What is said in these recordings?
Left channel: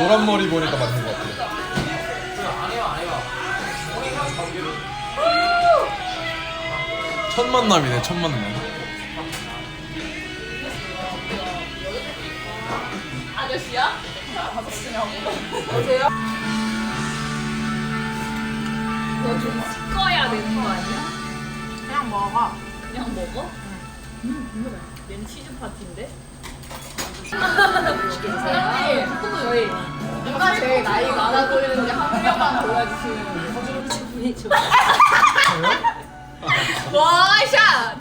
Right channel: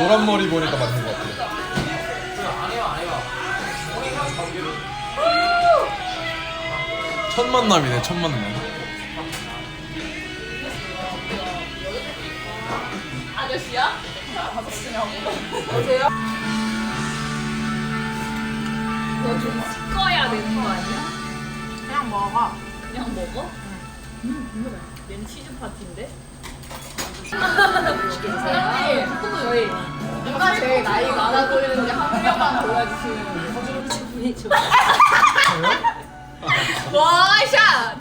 노란 머리 보니까 맞는 것 같아. 첫 만남이네, 첫 만남. 아저씨야? 아저씨냐고? 너좀 씻어야 되는 거 아니야? 그냥 먹어. 그냥 먹어? 응. 얜 치즈 파티인데? 사장님, 저희 누가 제일 나이 많아 보이는지 한 명만 골라주시면 와샷!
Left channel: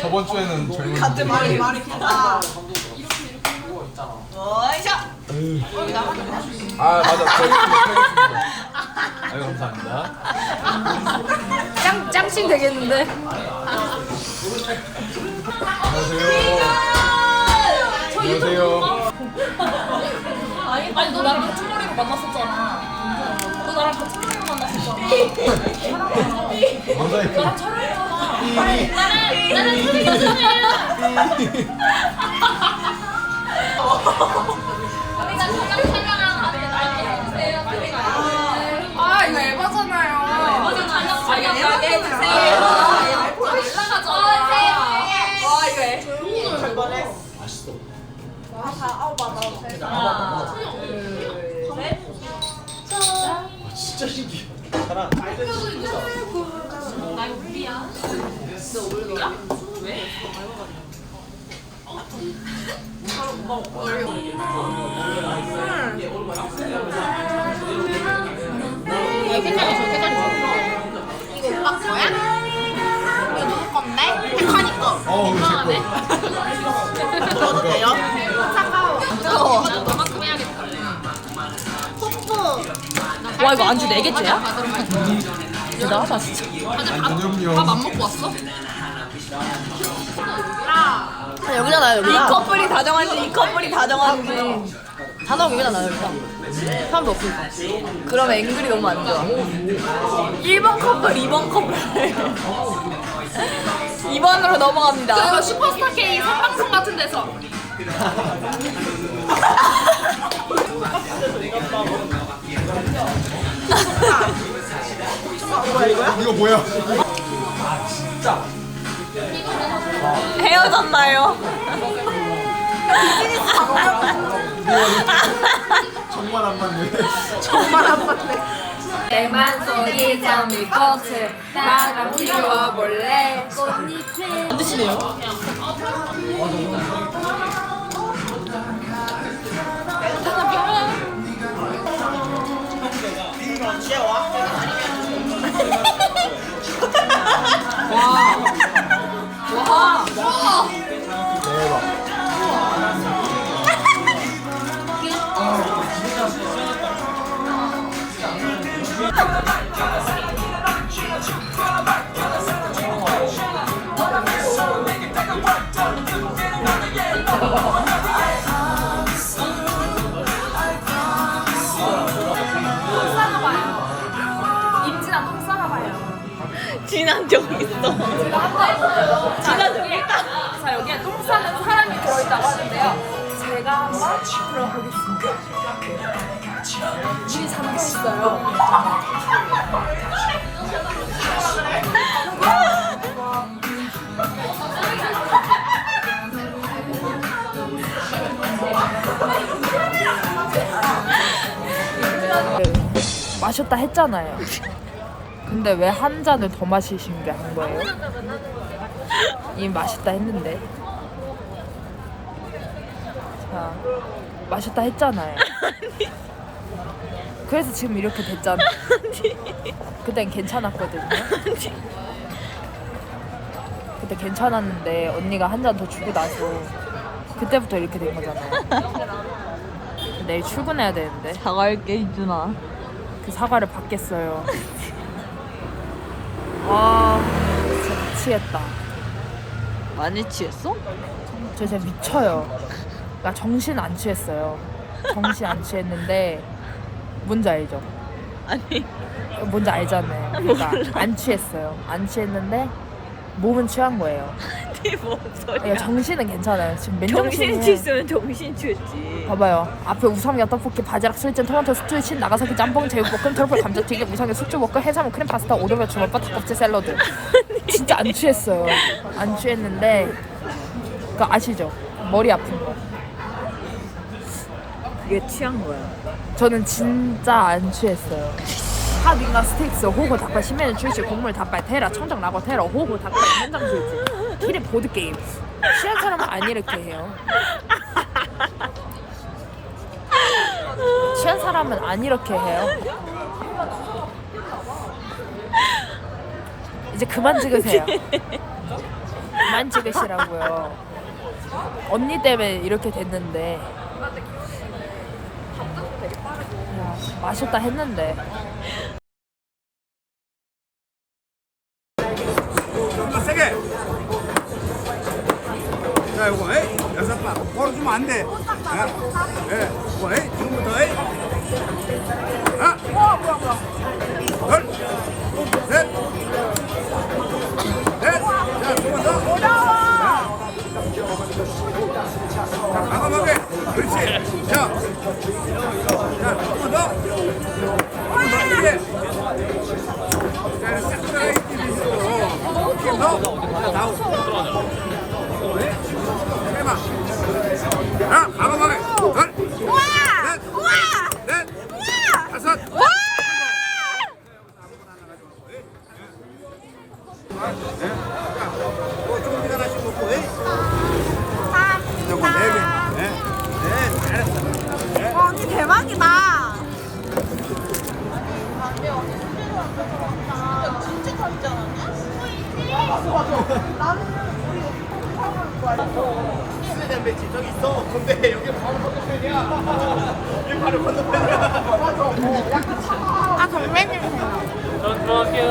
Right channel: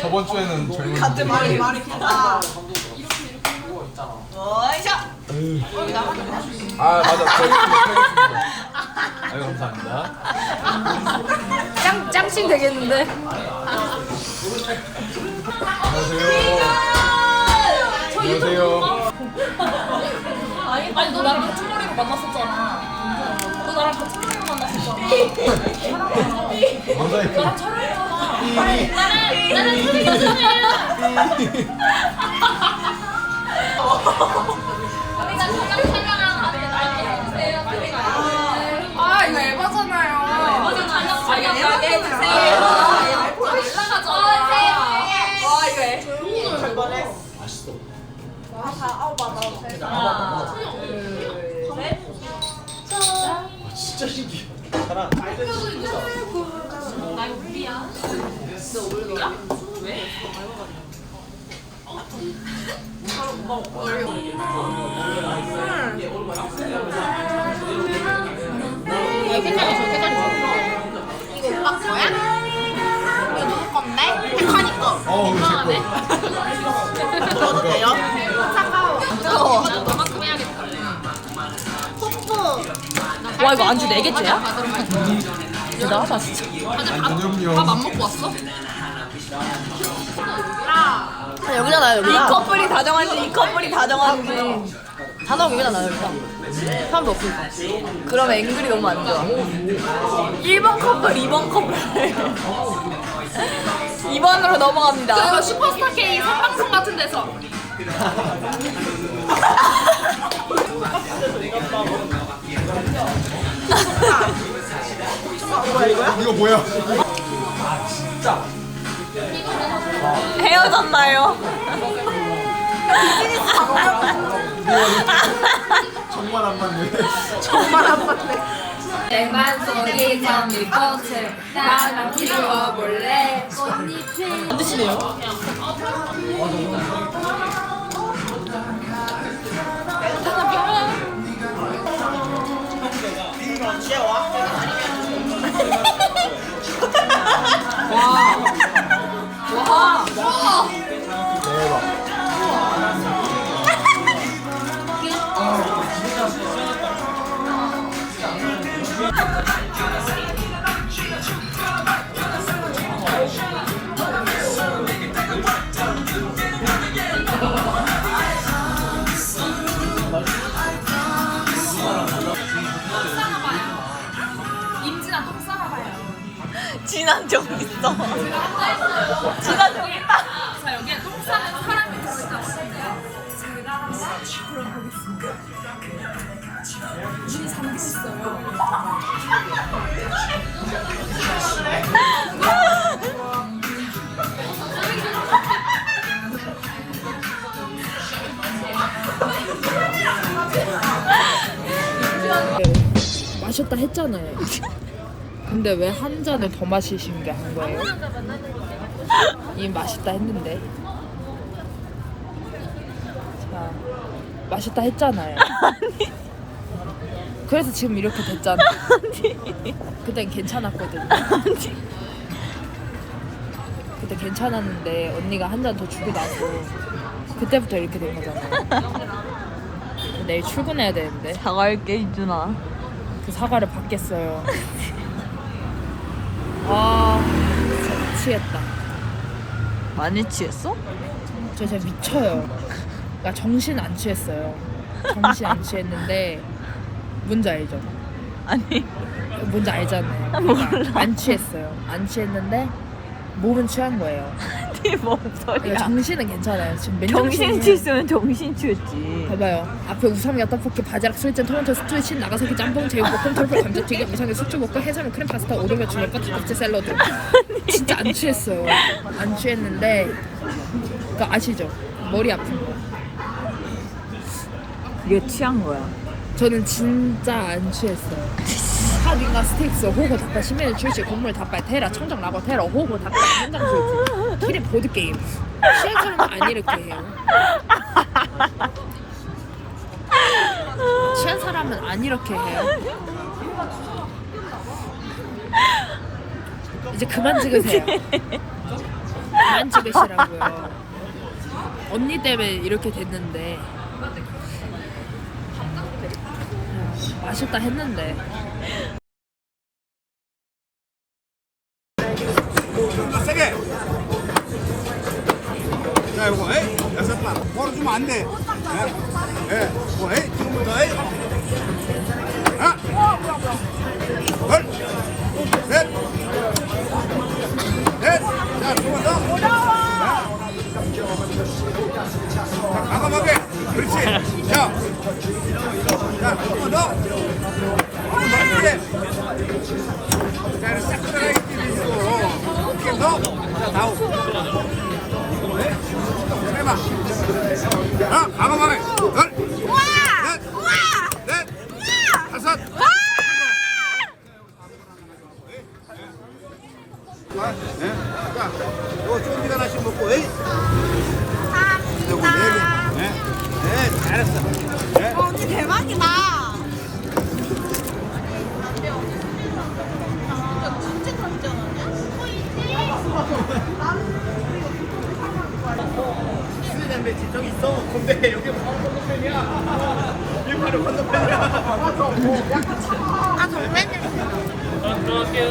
저번 주에는 젊은 같은 말이 말이 길다. 아 맞아. 아유 감사합니다. 짱, 짱친 되겠는데? 안녕하세요. 안녕하세요 아니, 아니 너 나랑 같은 머리로 만났었잖아. 너 나랑 같은 머리로 만났었잖아. 나랑 촬영했잖아. 나는 나는 소리 여자예요. 하나, 둘, 셋. 진짜 신기해 나 울리야. 너 울리야? 왜? 와 이거 안주 4개째야? 대단하다 진짜. 밥안 먹고 왔어? 여기잖아요 이 커플이 다정한지 이 커플이 다정한지. 다 나오고 여기잖아 여기다. 사람도 없으니까. 그럼 앵글이 너무 안 좋아. 1번 커플, 2번 커플. 2번으로 넘어갑니다. 그리고 슈퍼스타 K 생방송 같은 데서. 이거 뭐야 헤어졌나요? 정말 안 맞네 정말 안 맞네. 생방송이 장미 꽃을 따라 피워볼래 꽃잎을 안 드시네요? 와, 진한 적 있어. 진한 적 있다. 자 여기에 똥 싸는 사람이 들어있다고 하는데요. 제가 한번 들어보겠습니다. 문이 잠겨 있어요. 마셨다 했잖아요. 근데 왜 한 잔을 더 마시신 게 한 거예요? 이미 마셨다 했는데. 자, 마셨다 했잖아요. 그래서 지금 이렇게 됐잖아요. 그땐 괜찮았거든요. 그때 괜찮았는데 언니가 한 잔 더 주고 나서 그때부터 이렇게 된 거잖아요. 내일 출근해야 되는데. 그 사과를 받겠어요. 아, 진짜 미치겠다. 많이 취했어? 저 진짜 미쳐요. 나 정신 안 취했어요. 정신 안 취했는데 뭔지 알죠? 아니. 뭔지 알잖아요. 그러니까 안 취했어요. 안 취했는데 몸은 취한 거예요. 그게 뭔 야, 정신은 괜찮아요. 지금. 정신 칠수는 정신 칠지. 봐봐요. 앞에 우삼겹 떡볶이, 바지락 술전, 토마토 스튜, 친, 나가사키 짬뽕, 제육볶음, 트러플 감자튀김, 우삼겹 수초볶음, 해산물, 크림 파스타, 오르면 주먹, 버터껍질 샐러드. 진짜 안 취했어요. 안 취했는데 그 아시죠? 머리 아픈 거. 그게 취한 거야. 저는 진짜 안 취했어요. 하딩가 스테이크스, 호호 닭발, 신메뉴 출시, 국물 닭발, 테라, 청정 라거 테라, 호호 닭발, 현장 출시, 키리 보드 게임. 취한 사람은 안 이렇게 해요. 취한 사람은 안 이렇게 해요. 이제 그만 찍으세요. 그만 찍으시라고요. 언니 때문에 이렇게 됐는데. 야, 맛있다 했는데. 좀더 세게. 자, 요거, 에이, 여섯 번. 바로 주면 안 돼. 예, 예, 요거, 에이, 지금부터, 에이. 하나, 둘, 셋, 넷. 자, 두 번 더. 자, 자, 과감하게. 그렇지. 자, 자, 한 번 더. 한 번 더. 이제. 자, 이제 싹 들어가 있지, 어떻게 더? 자. 네? 해봐. 하나, 과감하게. 둘, 넷, 넷, 다섯. 네. 자, 이거 쫑디 하나씩 먹고, 에이. 아, 정말?